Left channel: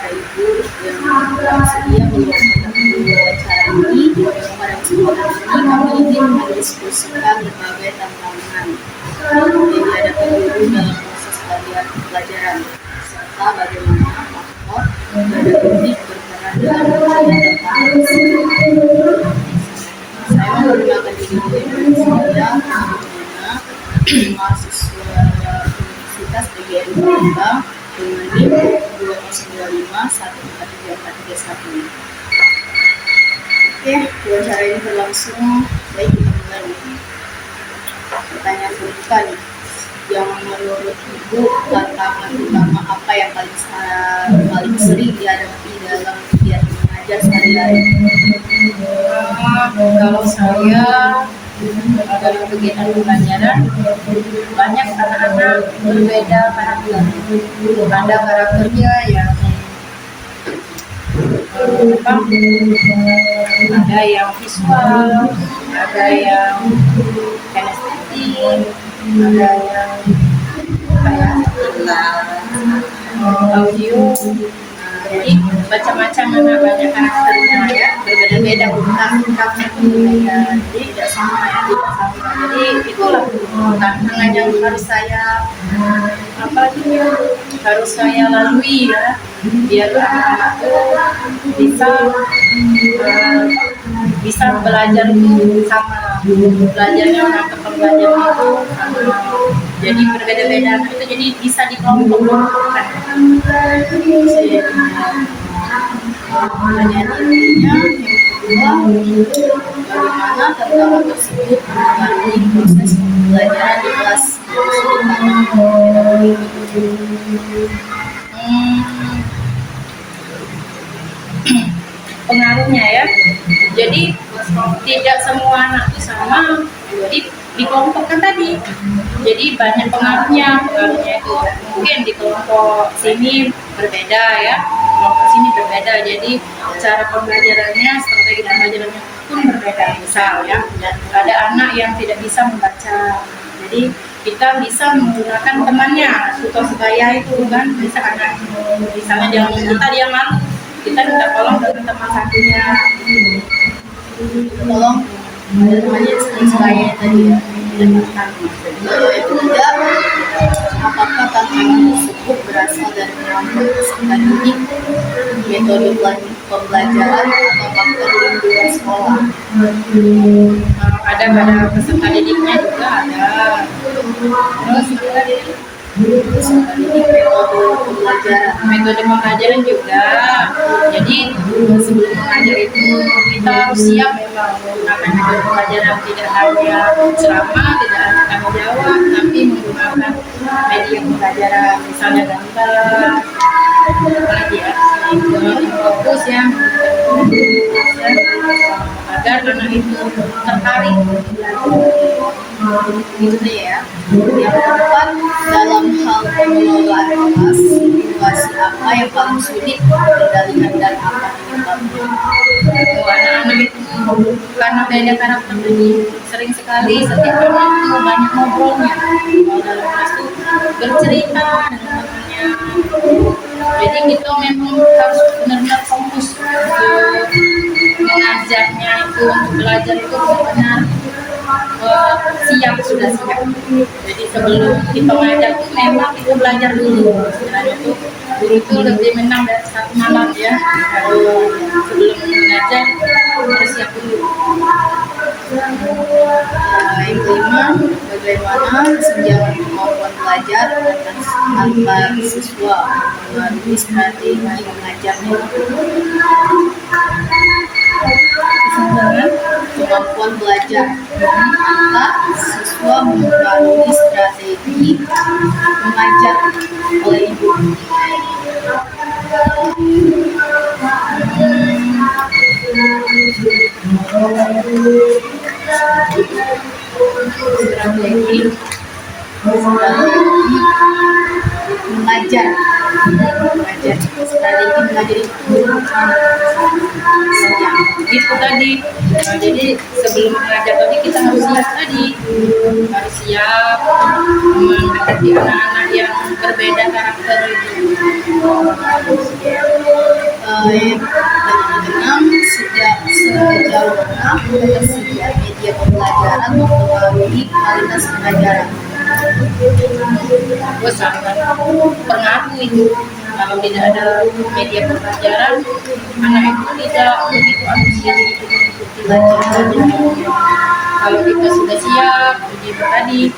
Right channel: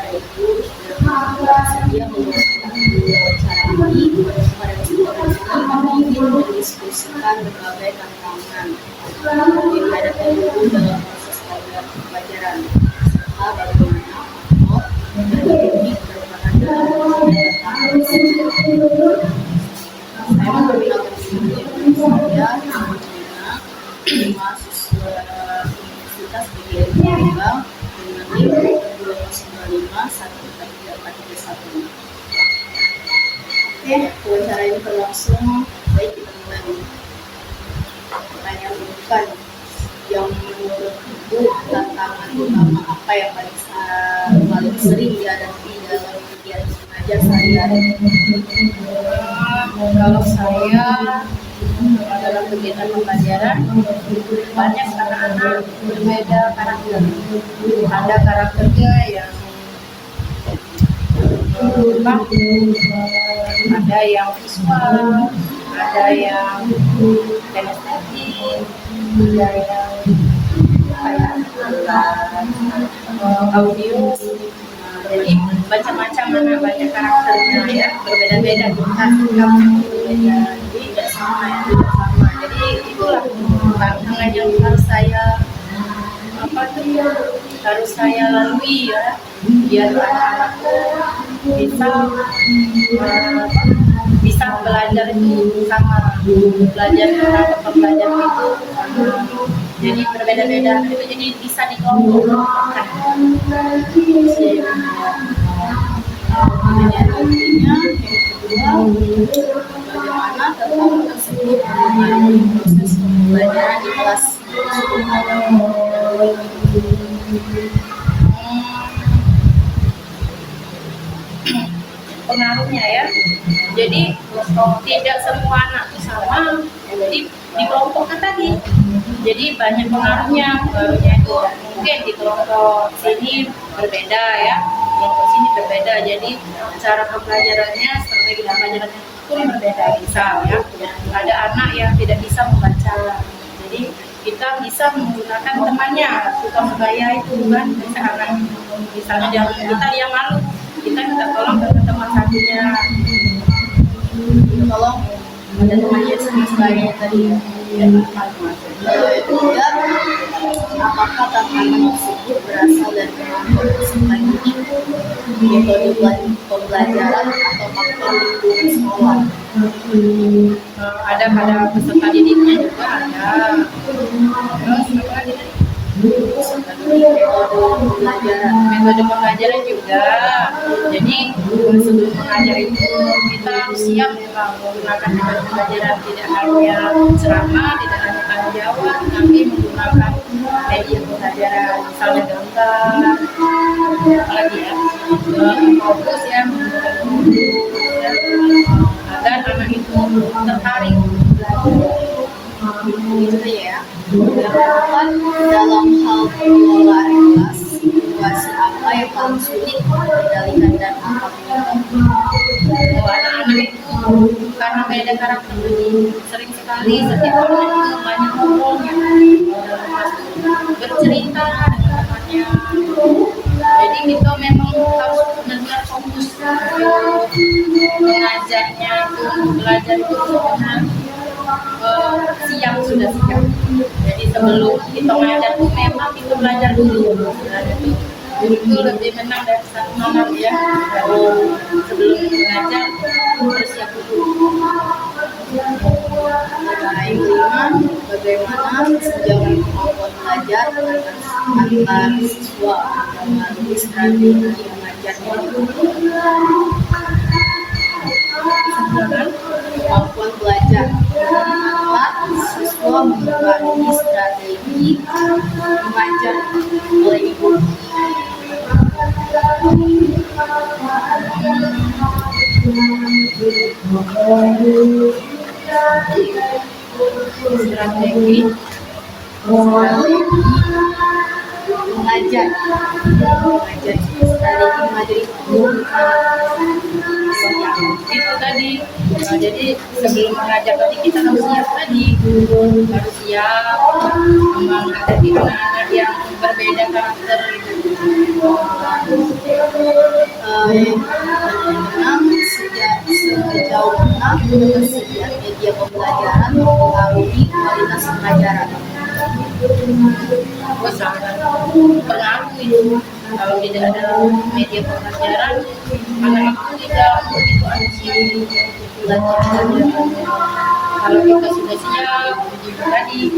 kepada Ibu yang bersedia meluangkan acara ini. Pada kesempatan ini kami ingin mendiskusikan berbagai tantangan yang dihadapi guru dalam proses pelajaran serta bagaimana faktor pedagogik berperan dalam pencapaian tersebut. Saya memperkenalkan diri saya, mahasiswa Universitas PGRI Palembang dengan NIM 295143431. Oke, wawancara ini berlangsung. Baik, kita mulai. Pertanyaan terbuka yang menurut Ibu tantangan utama apa yang paling sering dihadapi dalam kegiatan mengajar sehari-hari? Kalau saya dalam kegiatan pembelajaran banyak anak-anak berbeda karakter. Ada karakternya yang ada yang visual, ada yang kinestetik, ada yang audio. Jadi macam-macam anak, banyak karakternya ya, berbeda-beda sikapnya berbeda. Jadi tidak sama ya, tidak sama. Jadi itulah tantangan yang harus saya lalui ya, biar anak-anak bisa belajar itu sama, belajarnya menangkap pembelajaran itu sama. Jadi berbeda-beda itu, jadi bisa dikelompokkan. Pertanyaan intinya yang kedua, bagaimana tantangan tersebut mengaruhi proses pembelajaran di kelas? Pengaruhnya ya, jadi tidak semua anak sama, jadi dikelompokkan tadi. Jadi banyak pengaruhnya itu mungkin di kelompok sini berbeda ya, kelompok sini berbeda. Jadi cara pembelajarannya, strategi pembelajarannya pun berbeda. Misal ya, ada anak yang tidak bisa membaca, jadi kita bisa menggunakan temannya, tutor sebaya itu kan, misalnya jangan kita dia malu, kita minta tolong dengan teman satunya, tolong ada temannya sebaya tadi ya. Tidak, apakah tantangan tersebut berasal dari kemampuan peserta didik, metode pembelajaran, atau faktor lingkungan sekolah? Ada pada peserta didiknya juga ada. Metode pembelajaran juga. Jadi sebelum mengajar itu kita harus siap memang menggunakan metode pembelajaran, tidak hanya ceramah, tidak hanya tanggung jawab, tapi menggunakan media pembelajaran, misalnya gambar, apalagi ya, fokus ya, agar anak itu tertarik. Gitu ya. Yang keempat, dalam hal pengelolaan kelas, situasi apa yang paling sulit dikendalikan dan apa penyebabnya? Anak-anak itu karena beda karakter, jadi sering sekali setiap anak itu banyak ngobrolnya. Kalau dalam kelas itu bercerita dengan temannya. Jadi kita memang harus benar-benar fokus mengajarnya itu, belajar itu benar-benar sudah siap. Jadi sebelum kita mengajar tuh memang kita belajar dulu. Istilahnya tuh guru itu lebih menang dari satu malam ya. Sebelum mengajar harus siap dulu. Yang kelima, bagaimana kesenjangan kemampuan belajar antar siswa melalui strategi mengajarnya? Kemampuan belajar antar siswa melalui strategi mengajar oleh Ibu. Strategi mengajar, strategi mengajar itu itu tadi. Nah, jadi sebelum mengajar tadi kita harus siap tadi, harus siap menghadapi anak-anak yang berbeda karakter itu. ketersediaan media pembelajaran mempengaruhi kualitas pelajaran. Gue sangat pengaruh itu. Kalau tidak ada media pembelajaran, anak itu tidak begitu antusias untuk belajar. Kalau kita sudah siap, begitu tadi,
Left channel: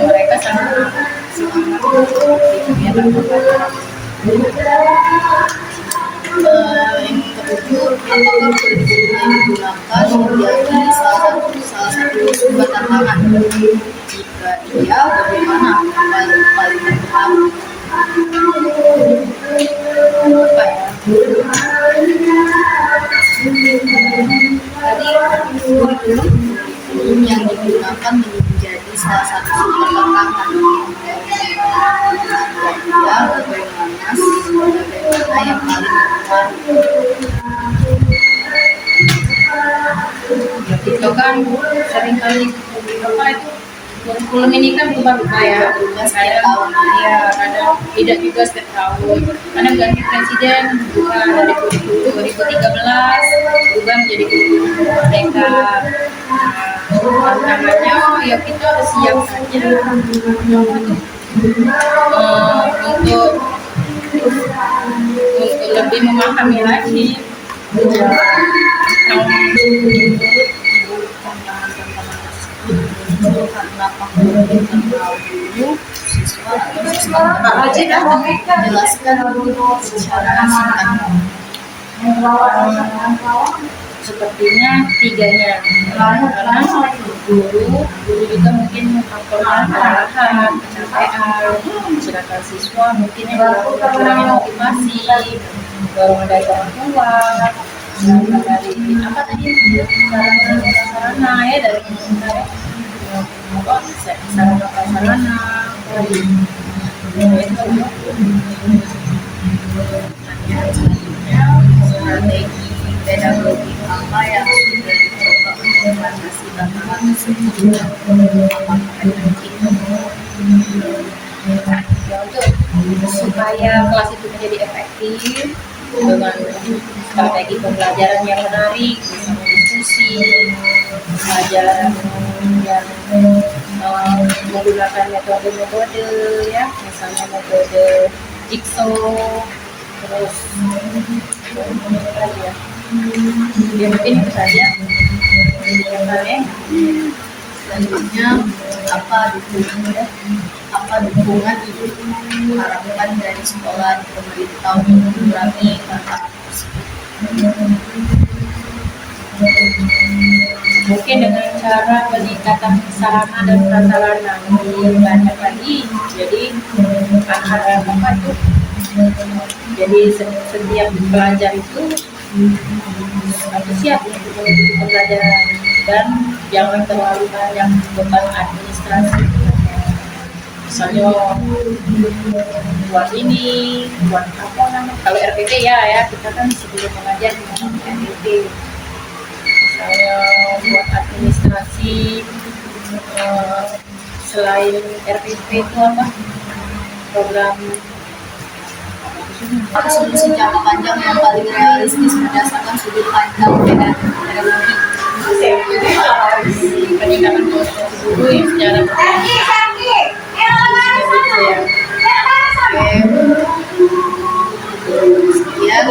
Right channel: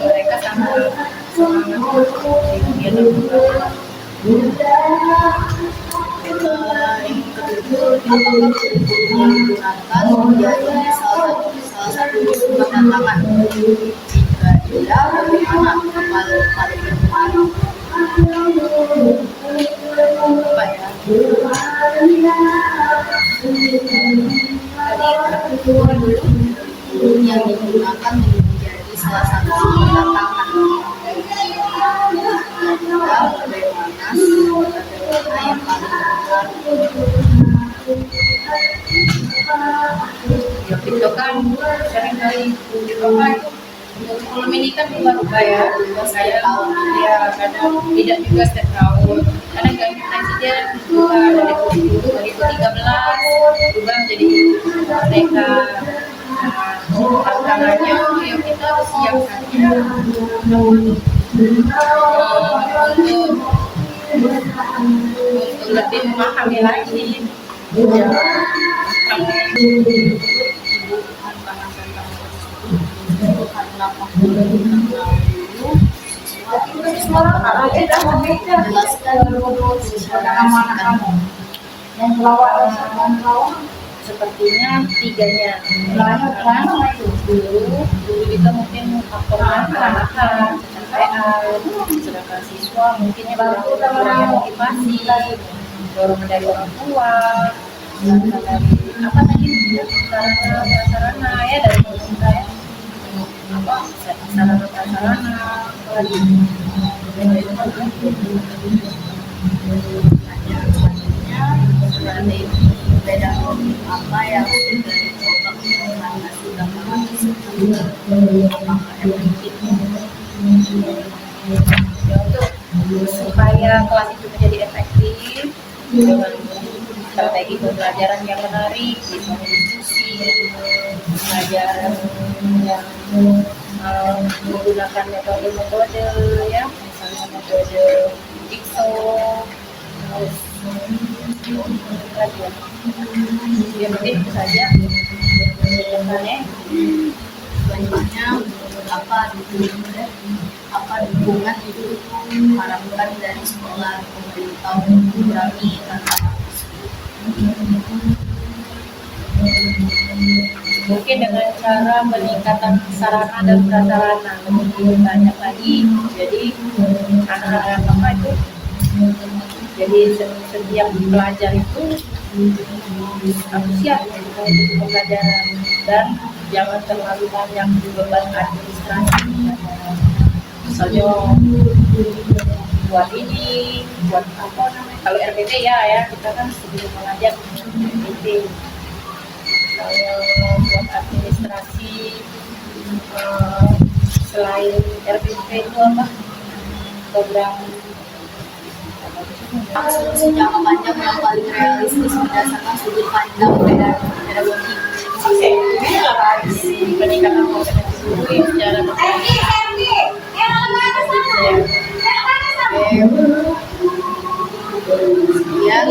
mereka sangat semangat untuk kegiatan pembelajaran. Yang ketujuh, apakah kurikulum yang digunakan menjadi salah satu sumber tantangan? Jika iya, bagaimana? Paling berpengaruh apa ya? Tadi kurikulum yang digunakan menjadi salah satu sumber tantangan. Ya, bagaimana yang paling Itu kan seringkali apa itu kurikulum ini kan berubah-ubah ya. setiap tahun. Ya, kadang tidak juga setiap tahun. Kadang ganti presiden bukan dari kurikulum 2013 berubah menjadi kurikulum merdeka. Tantangannya ya kita harus siap saja untuk lebih memahami lagi karena faktor internal dulu siswa menjelaskan secara singkat. sepertinya tiganya karena guru juga mungkin faktornya kesalahan capaian, sedangkan siswa mungkin yang kurangnya motivasi bawaan dari orang tua, dari apa tadi sarana ya dari pemerintah ya apa sarana prasarana Strategi pedagogi apa yang sudah dicoba untuk mengatasi tantangan tersebut? Apakah efektif? Ya, untuk supaya kelas itu menjadi efektif dengan strategi pembelajaran yang menarik, bisa berdiskusi, pelajaran yang menggunakan metode-metode ya, misalnya metode jigsaw, terus lagi ya mungkin itu saja pertanyaannya. Selanjutnya, apa dukungan ibu harapkan dari sekolah di pemerintah untuk mengurangi tantangan tersebut? Mungkin dengan cara peningkatan sarana dan prasarana lebih banyak lagi, jadi anak-anak apa itu jadi setiap pelajar itu antusias untuk pembelajaran dan jangan terlalu banyak beban administrasi, misalnya buat ini, buat apa namanya, kalau RPP ya kita kan sebelum mengajar dengan RPP, saya buat administrasi selain RPP itu apa program Solusi jangka panjang yang paling realistis berdasarkan sudut pandang pedagogi. peningkatan kualitas guru ya secara Sekian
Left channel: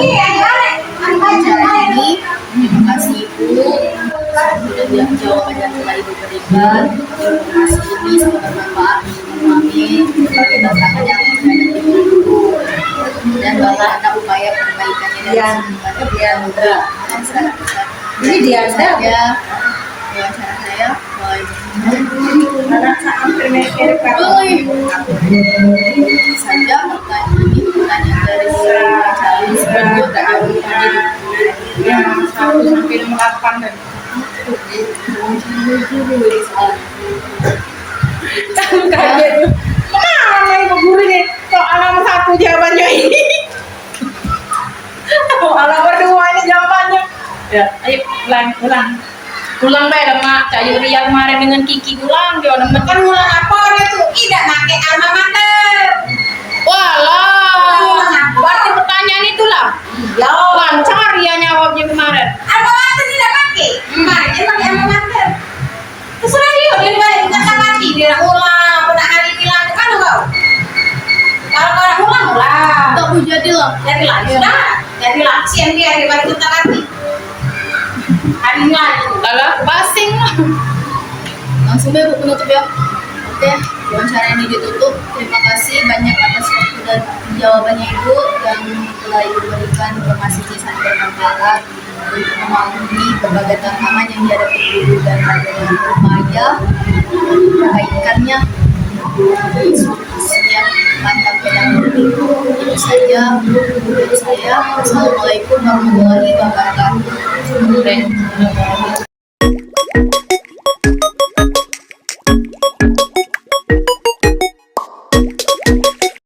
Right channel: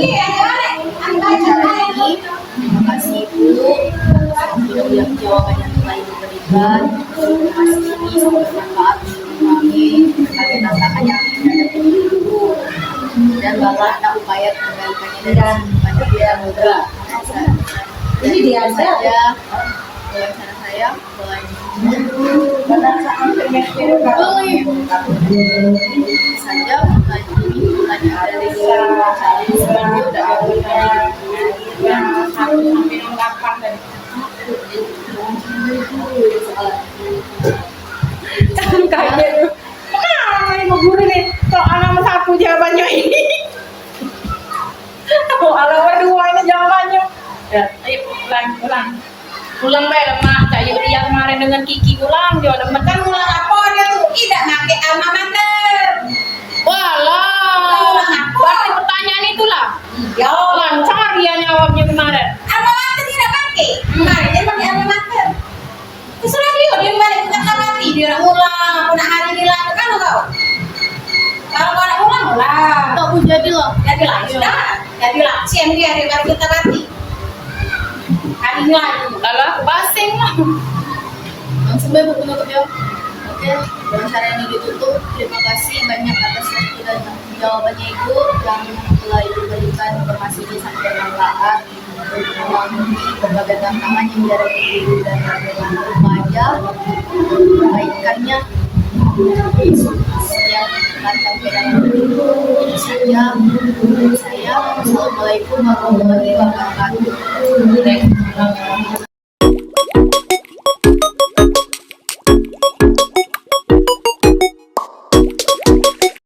acara ini. Terima kasih Ibu sudah jawab jawaban yang telah Ibu berikan. Informasi ini sangat bermanfaat untuk memahami berbagai tantangan yang ada di Ibu dan bagaimana upaya perbaikannya dari Mudra. ini dia ada Ya, wawancara saya. pada saat trimester Saja pertanyaan dari cari yang 1 sampai 8 dan kaget mana ibu guru nih kok alam 1 jawabannya ini kok alam 2 ini jawabannya ya ayo ulang deh mak Cak Yuria kemarin dengan Kiki ulang dia udah kan ulang apa dia tuh tidak pakai alma mater walah berarti pertanyaan itulah iya lancar ya jawabnya kemarin alma mater tidak pakai kemarin Dari laksi yang dia hari baru kita mati. Hari lagi. Alah, pasing lah. Langsung deh buku penutup ya. Oke, wawancara ini ditutup. Terima kasih banyak atas waktu dan jawabannya Ibu yang telah Ibu berikan informasi sangat bermanfaat untuk memahami berbagai tantangan yang dihadapi guru dan dengan remaja, kaitannya setiap tantang pedagog. Itu saja menurut saya. Assalamualaikum warahmatullahi wabarakatuh. Baik.